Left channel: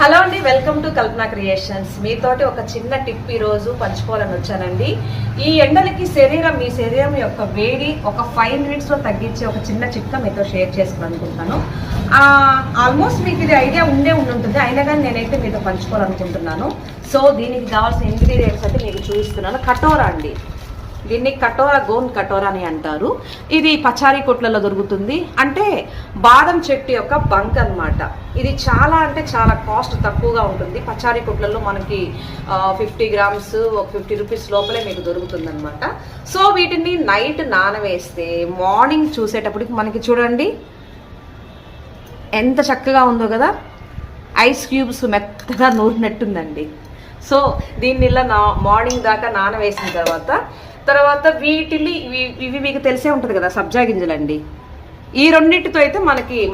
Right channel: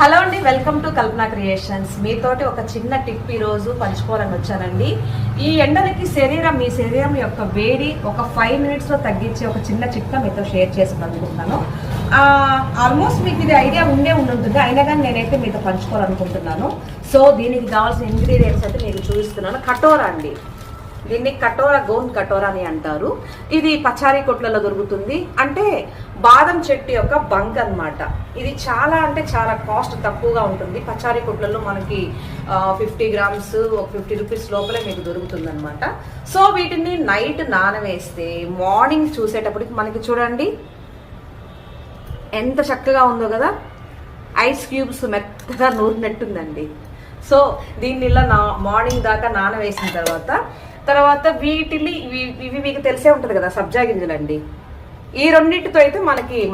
Hello అండి, welcome to Kalpana creations. మీతోటి ఒక చిన్న టిప్ ఈ రోజు పంచుకోవాలని వచ్చానండి. ఈ ఎండలకి మీ శరీరం యొక్క వేడి ఒక 5 minutes లో తగ్గించే ఒక చిన్న చిట్కా మీతో షేర్ చేసుకోవాలనుకుంటున్నాను. ఆల్మోస్ట్ మీకు ఇది ఐడియా ఉంటుంది, అయినా కానీ నేనైతే మీతో పంచుకోవాలనుకుంటున్నాను. సో దీనికి కావాల్సిన ఇంగ్రీడియంట్స్ అయితే మీకు చూపిస్తున్నాను. కటోరా అండి, దీన్ని కటోరా, గోన్ కటోరా అని అంటారు. ఇది పచారీ కొట్లలో దొరుకుతుంది. అంటే బాదం చెట్టు యొక్క బంక్ అన్నమాట. ఇది చాలా చాలా కాస్ట్ తక్కువగా ఉంటుంది. పచారీ కొట్లలో మనకి 50 grams ఒక 50 rupees లోపలే మీకు దొరుకుతుంది అనమాట. సో వీటిని నైట్ నానవేస్తే మార్నింగ్ చూసేటప్పటికి మనకి చూడండి ఎంత చక్కగా ఉందో కదా, ఐస్ క్యూబ్స్ మెత్తగా నూరినట్టుందండి. సో దీన్ని ఇలా మార్నింగ్ దాకా నానవేసిన తర్వాత వీటిని ఇవి మీకు తెలిసే ఉంటుంది కదా, సబ్జా గింజలండి. ఈ రెండింటితో అయితే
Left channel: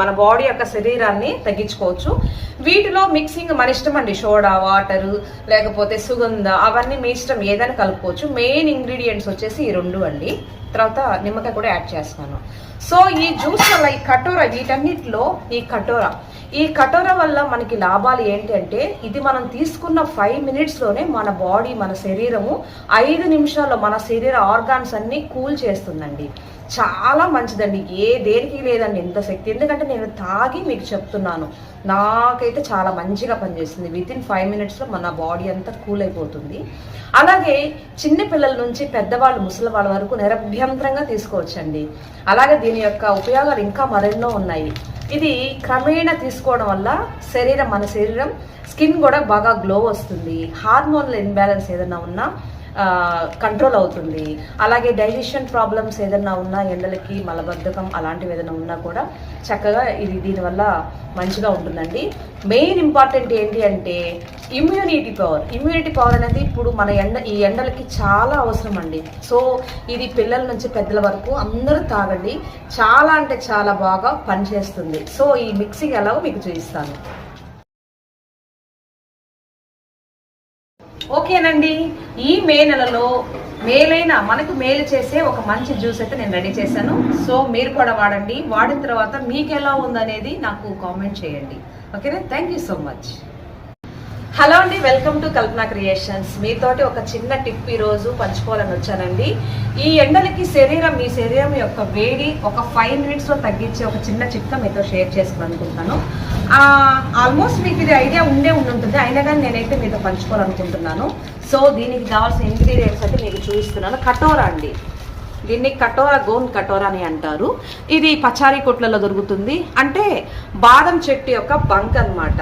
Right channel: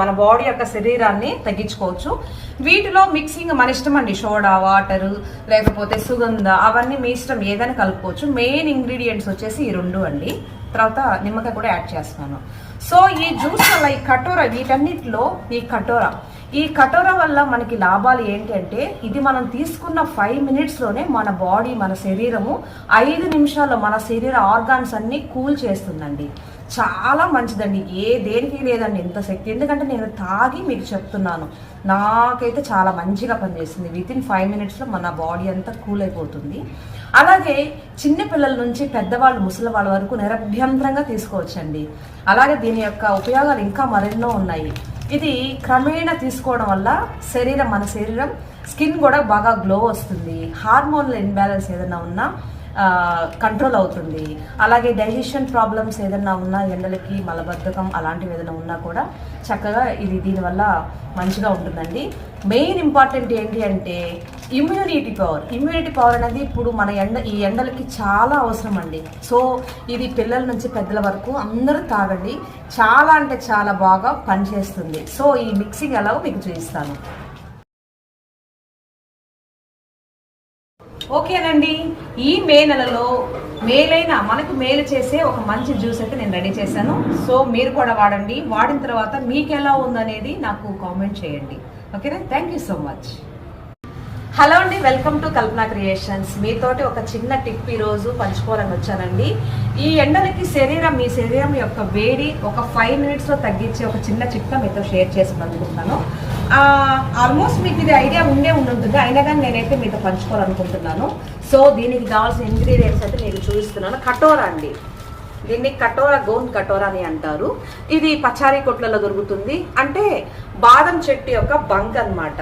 మన బాడీ యొక్క శరీరాన్ని తగ్గించుకోవచ్చు. వీటిలో మిక్సింగ్ మన ఇష్టం అండి, సోడా వాటర్ లేకపోతే సుగంధ అవన్నీ మీ ఇష్టం, ఏదైనా కలుపుకోవచ్చు. మెయిన్ ఇంగ్రీడియంట్స్ వచ్చేసి ఈ 2 అండి. తర్వాత నిమ్మకాయ కూడా యాడ్ చేస్తున్నాను. సో ఈ జ్యూస్ వల్ల ఈ కటోరా, వీటన్నిటిలో ఈ కటోరా వల్ల మనకి లాభాలు ఏంటి అంటే, ఇది మనం తీసుకున్న 5 minutes లోనే మన బాడీ, మన శరీరము 5 నిమిషాల్లో మన శరీర ఆర్గాన్స్ అన్ని కూల్ చేస్తుందండి. చాలా మంచిదండి, దేనికి లేదండి ఇంత శక్తి. ఎందుకంటే నేను తాగి మీకు చెప్తున్నాను, నాకైతే చాలా మంచిగా పనిచేస్తుంది. వితిన్ 5 minutes లో మన బాడీ అంతా కూల్ అయిపోతుంది. అలాగే చిన్న పిల్లల నుంచి పెద్దవాళ్ళు, ముసలి వాళ్ళ వరకు నిరభ్యంతరంగా తీసుకోవచ్చండి. అలాగే దీని యొక్క ఉపయోగాలు ఇంకా మరెన్నో ఉన్నాయి. ఇది క్రమేణా తీసుకోవడం వల్ల మన శరీరం స్కిన్ కూడా బాగా గ్లో వస్తుంది. హార్మోనల్ ఇన్బ్యాలెన్స్ ఏదైనా ఉన్నా కంట్రోల్ అవుతుంది. అలాగే డైజెషన్ ప్రాబ్లమ్స్ ఏదైనా ఉన్నా, ఎండలకి మలబద్ధకం అలాంటివి ఏదైనా ఉన్నా కూడా చక్కగా దీనివల్ల మంచిగా ఉంటుందండి. మెయిన్ ఇంపార్టెంట్ ఏంటి అంటే ఇమ్యూనిటీ పవర్ అనేది ఇప్పుడు ఈ ఎండలకి చాలా అవసరం అండి. సో ఇది పిల్లల నుంచి పెద్దల వరకు అందరూ తాగండి, చాలా బాగా పనిచేస్తుంది. సో ఈ మిక్సింగ్ ఎలాగో మీకు చూపిస్తాను. ఓకేనండి, ఈ మే నెలలో మనకు మేలు చేసే ఒక మంచి జ్యూస్ అయితే నేను రెడీ చేశాను. సో మీరు కూడా వాడండి. వాడిన తర్వాత మీకు ఎలా ఉందనేది నాకు కామెంట్ చేయండి. ఓకేనా, thank you so much. Hello అండి, వెల్కమ్ టు కల్పన క్రియేషన్స్. మీతోటి ఒక చిన్న టిప్ ఈ రోజు పంచుకోవాలని వచ్చానండి. ఈ ఎండలకి మీ శరీరం యొక్క వేడి ఒక 5 minutes లో తగ్గించే ఒక చిన్న చిట్కా మీతో షేర్ చేసుకోవాలనుకుంటున్నాను. ఆల్మోస్ట్ మీకు ఇది ఐడియా ఉంటుంది, అయినా కానీ నేనైతే మీతో పంచుకోవాలనుకుంటున్నాను. సో దీనికి కావాల్సిన ఇంగ్రీడియంట్స్ అయితే మీకు చూపిస్తున్నాను. కటోరా అండి, దీన్ని కటోరా, గోన్ కటోరా అని అంటారు. ఇది పచారీ కొట్లలో దొరుకుతుంది. అంటే బాదం చెట్టు యొక్క బంక్ అన్నమాట.